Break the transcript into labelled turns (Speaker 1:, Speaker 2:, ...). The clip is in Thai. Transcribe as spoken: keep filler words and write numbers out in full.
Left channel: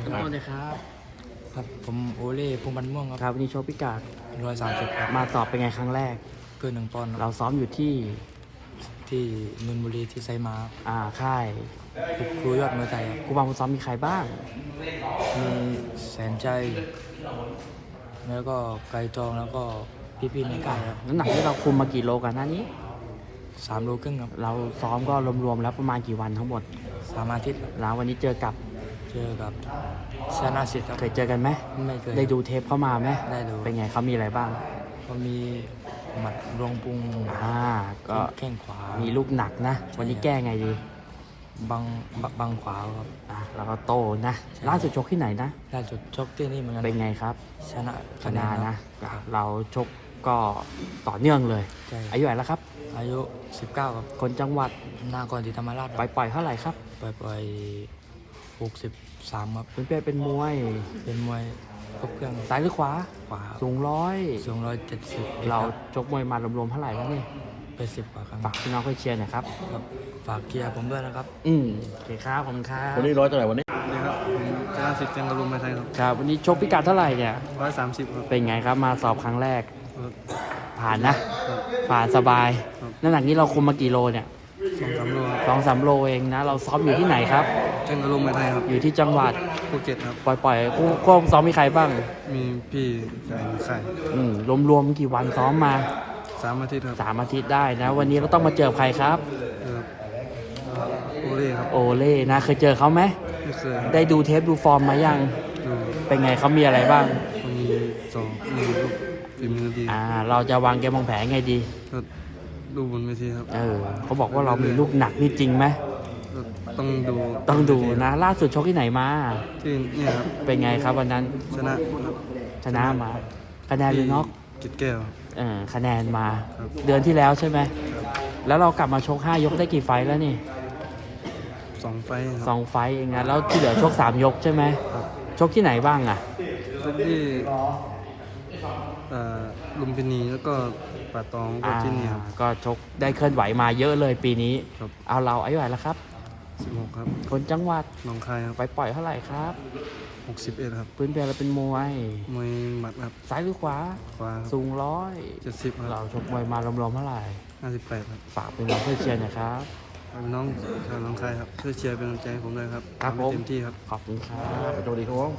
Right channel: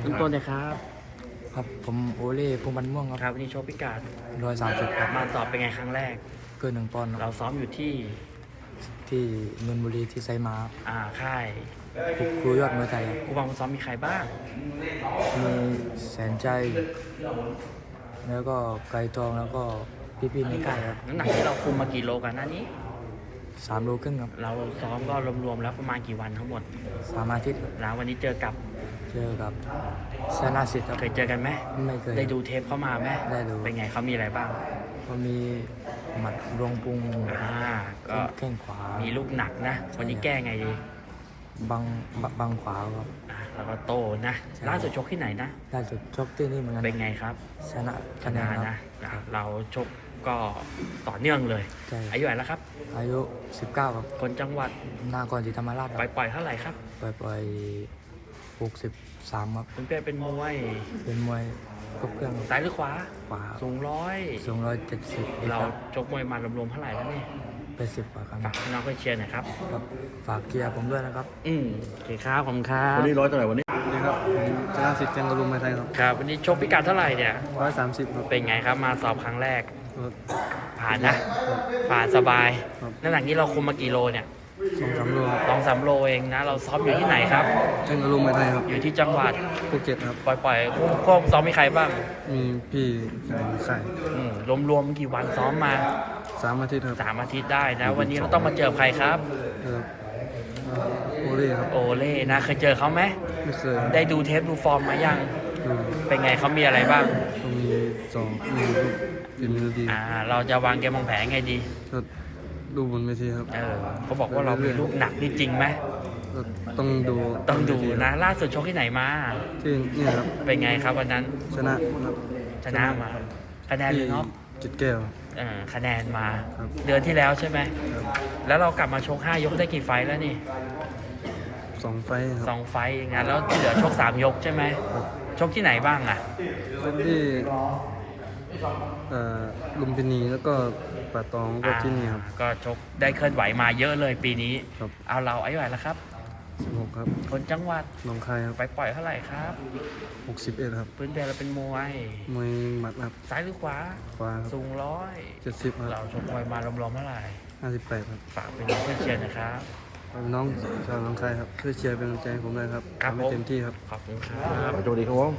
Speaker 1: ต้นต้นนะครับ
Speaker 2: ครับผมโอเล่พงษ์บันม่วง
Speaker 1: ค
Speaker 2: ค
Speaker 1: รั
Speaker 2: รั
Speaker 1: บบ วันนี้โชว์พิกัด
Speaker 2: ร้อยสามสิบครับ
Speaker 1: มาสอบเป็นไงครั้งแรก
Speaker 2: เกินหนึ่งปอนด์ค
Speaker 1: เรา
Speaker 2: รับ
Speaker 1: ซ้อมอยู่ที่
Speaker 2: ที่นนทบุรีที่ไซมาครับ
Speaker 1: อ่าค่าย
Speaker 2: ครูครูยอดมวยไทยครับ
Speaker 1: ครูบาคุณซ้อมมีใครบ้าง
Speaker 2: มีแสนใจ แล้วก็ไกลทองแล้วก็พี่ๆในค่ายครับ
Speaker 1: น้ำหนักที่เราคุมมากี่โลกันหน้านี้
Speaker 2: สามโลครึ่งครับ
Speaker 1: เราซ้อมก็รวมๆแล้วประมาณกี่วันทั้งหมด
Speaker 2: สามอาทิตย์ครับ
Speaker 1: แล้ววันนี้เจอกับ
Speaker 2: เจอกับชนะสิทธิ์ครับ
Speaker 1: เคยเจอกันไหม
Speaker 2: ไม่เคย
Speaker 1: ได้ดูเทปเข้ามาไหม
Speaker 2: ได้ดู
Speaker 1: เป็นไงเขามีอะไรบ้าง
Speaker 2: ก็มีหมัดรวงปรุง
Speaker 1: อ่าก็
Speaker 2: แข้งขวา
Speaker 1: มีลูกหนักนะ วันนี้แก้ไงดี
Speaker 2: บังบังบังขวาครับ
Speaker 1: อ่าแล้วก็โตนะ
Speaker 2: ใช่
Speaker 1: ล่าสุดชกที่ไหนนะ
Speaker 2: ล่าสุดชกที่นี่เหมือนกัน
Speaker 1: เป็นไงครับ
Speaker 2: ชนะ
Speaker 1: ช
Speaker 2: คะแน
Speaker 1: นะ
Speaker 2: น
Speaker 1: นะครับ เราชกก็ต่อเนื่องเลย
Speaker 2: ใช่
Speaker 1: อายุเท่าไหร่แล้วครับ
Speaker 2: อายุสิบเก้าครับ
Speaker 1: คนจังหวัด
Speaker 2: นากรศรีธรรมราชค
Speaker 1: ปล่
Speaker 2: รั
Speaker 1: อบ ยปล่อยเท่าไหร่ครับ
Speaker 2: ปล่อยปล่อยหกสิบสามครับ
Speaker 1: คุณเป้เป็นมวย
Speaker 2: เป็นมวยครบเครื่อง
Speaker 1: ซ้ายหรือขวา
Speaker 2: ขวา
Speaker 1: สูงร้อย
Speaker 2: สูงร้อยเจ็ดสิบ
Speaker 1: เราชกมวยมารวมๆเท่าไหร่แล้วนี่
Speaker 2: ไปสิบกว่าครั้ง
Speaker 1: ฝากพี่น้องเพื่อนเชียร์หน่อยครับ
Speaker 2: ครับฝากเกียร์ผมด้วยนะครับ
Speaker 1: อืมโอเคครับขอบคุณครับ
Speaker 3: วันนี้ร้อยเท่าไหร่วันนี้
Speaker 4: นี่ครับผมชนะสิทธิ์แกงกระลุมมาไทยครับ
Speaker 1: ครับวันนี้ชกพิกัดเท่าไหร่เนี่ย
Speaker 4: ร้อยสามสิบครับ
Speaker 1: เป็นไงครับมาสอบครั้งแรก
Speaker 4: ครับ
Speaker 1: ผ่านนะ ผ่านสบาย
Speaker 4: ครับ
Speaker 1: น้ำหนักนี้เราคุมมากี่โลเนี่ย
Speaker 4: สองสามโลครับ
Speaker 1: สองสามโลเองนะ เราซ้อมอยู่ที่ไหนครับ
Speaker 4: แกงกระลุมมาไทยครับ
Speaker 1: อยู่ที่จังหวัด
Speaker 4: ภูเก็ตครับ
Speaker 1: ปล่อยปล่อยๆคู่คู่ซ้อมมีใครบ้าง
Speaker 4: มีพี่ไก่ไข่
Speaker 1: อืมรวมๆกี่วันซ้อมมา
Speaker 4: สามอาทิตย์ครับ
Speaker 1: สามอาทิตย์ได้นะ วันนี้เราต้องมาเจอใครครับ
Speaker 4: เออโอเล่ครับ
Speaker 1: โอเล่นะเคยเจอเขาไหม
Speaker 4: ไม่เคยครับ
Speaker 1: ได้ดูเทปดูฟอร์มมายัง
Speaker 4: ดู
Speaker 1: เป็นไงเขามีอะไรบ้าง
Speaker 4: ก็มีสองมีลูกฝีมือดี
Speaker 1: อ่า เราจะวางเกมวางแผนไงดี
Speaker 4: ก็ดูบนเวทีครับ
Speaker 1: เออเขาบอกว่าเรามีลูกหนักนี่จริงไหม
Speaker 4: ก็ต้องดู
Speaker 1: ต้องดู
Speaker 4: บเวที
Speaker 1: นะ ล่าสุดชกที่ไหนมา
Speaker 4: ที่เนี่ยครับ
Speaker 1: เป็นไงครับวันนั้น
Speaker 4: ชนะครับ
Speaker 1: ชนะมา คะแนนห
Speaker 4: ที่
Speaker 1: รือน็อก
Speaker 4: จิตแก้ว
Speaker 1: เออคะแนนมา
Speaker 4: ครับ
Speaker 1: เดือนที่แล้วใช่ไหม
Speaker 4: ครับ
Speaker 1: แล้วเรากลับมาชกห้ายกได้กี่ไฟต์แล้วนี่
Speaker 4: สองไฟท์ค
Speaker 1: ส
Speaker 4: รั
Speaker 1: อบ งไฟต์เองนะแล้วที่เหลือชกสามยกใช่ไหม
Speaker 4: ครับ
Speaker 1: ชกที่ไหนบ้างอ่ะ
Speaker 4: ก็ที่เอ่อลุมพินีแล้วก็ป่าตองก็ที่นี่ครับ
Speaker 1: อ่าก็ชกได้เคลื่อนไหวมาเยอะเลยปีนี้
Speaker 4: ครับ
Speaker 1: เอาเราอายุเท่าไหร่แล้วครับ
Speaker 4: สิบหกครับ
Speaker 1: คนจังหวัด
Speaker 4: หนองคายครับ
Speaker 1: ไปปล่อยเท่าไหร่ครับ
Speaker 4: หกสิบเอ็ดครับ
Speaker 1: พื้นเพเราเป็นมวย
Speaker 4: มวยหมัดครับ
Speaker 1: ซ้ายหรือขวา
Speaker 4: ขวาครับ
Speaker 1: สูงร้อย
Speaker 4: เจ็ดสิบครับ
Speaker 1: เราชกมวยมารวมๆเท่าไหร่
Speaker 4: ห้าสิบแปดครับ
Speaker 1: ฝากเป็นเพื่อนเชียร์หนะครับ
Speaker 4: น้องชาวหนองคายครับช่วยเชียร์เป็นกำลังใจให้ผมด้วยครับ
Speaker 1: ครับ
Speaker 4: ทำให้
Speaker 1: ผม
Speaker 4: เต็มที่ครับ
Speaker 1: ขอบคุณครับ
Speaker 3: สวัสดีครับ